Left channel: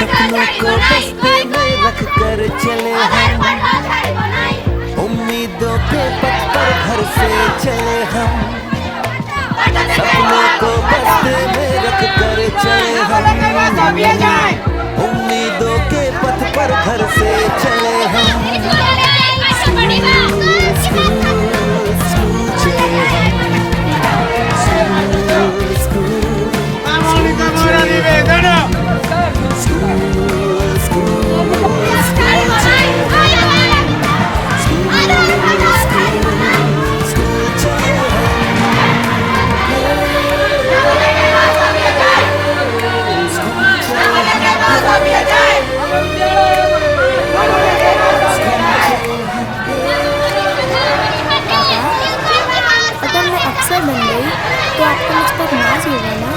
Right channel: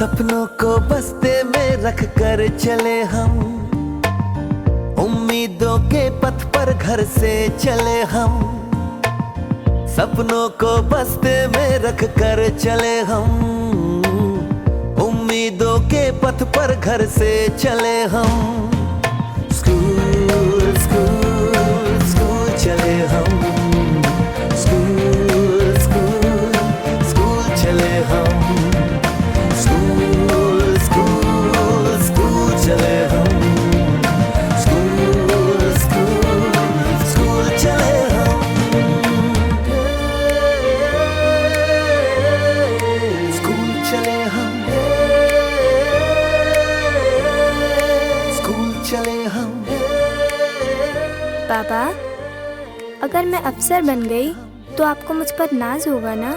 सपनों को बस्ते में रख कर चले हम, उम्मीदों के पथ पर घर से चले हम। सपनों को बस्ते में रख कर चले हम, उम्मीदों के पथ पर घर से चले हम। स्कूल स्कूल स्कूल चले हम, स्कूल स्कूल स्कूल चले हम, स्कूल स्कूल स्कूल चले हम, स्कूल स्कूल स्कूल चले पापा, अगर मैं अफसर बन गई तो आपको मुझ पर नाज होगा ना?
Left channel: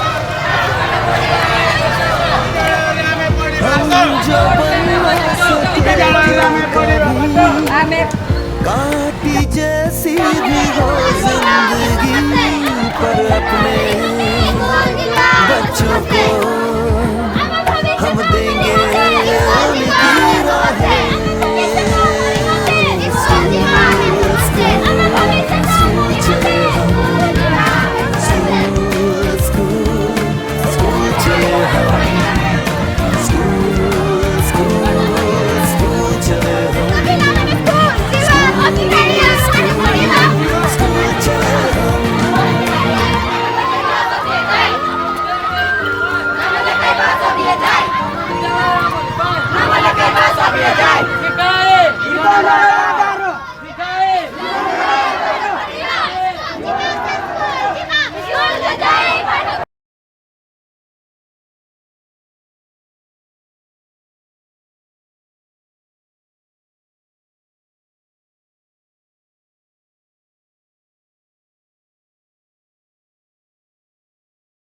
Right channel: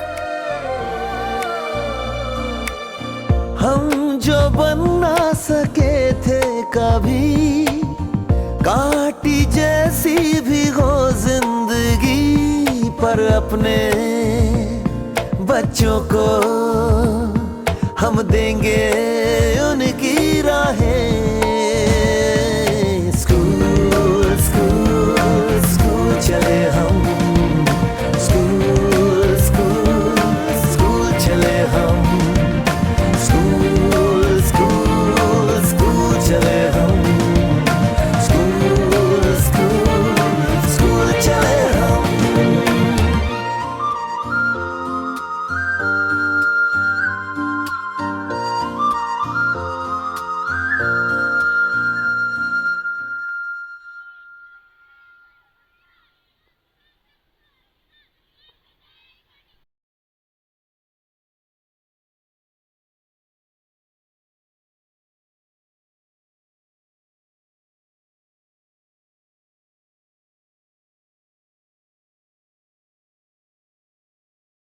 हम जो बन ना सके थे कभी, कांटी जैसी भी हो जिंदगी, पर अपने बच्चों को हम देंगे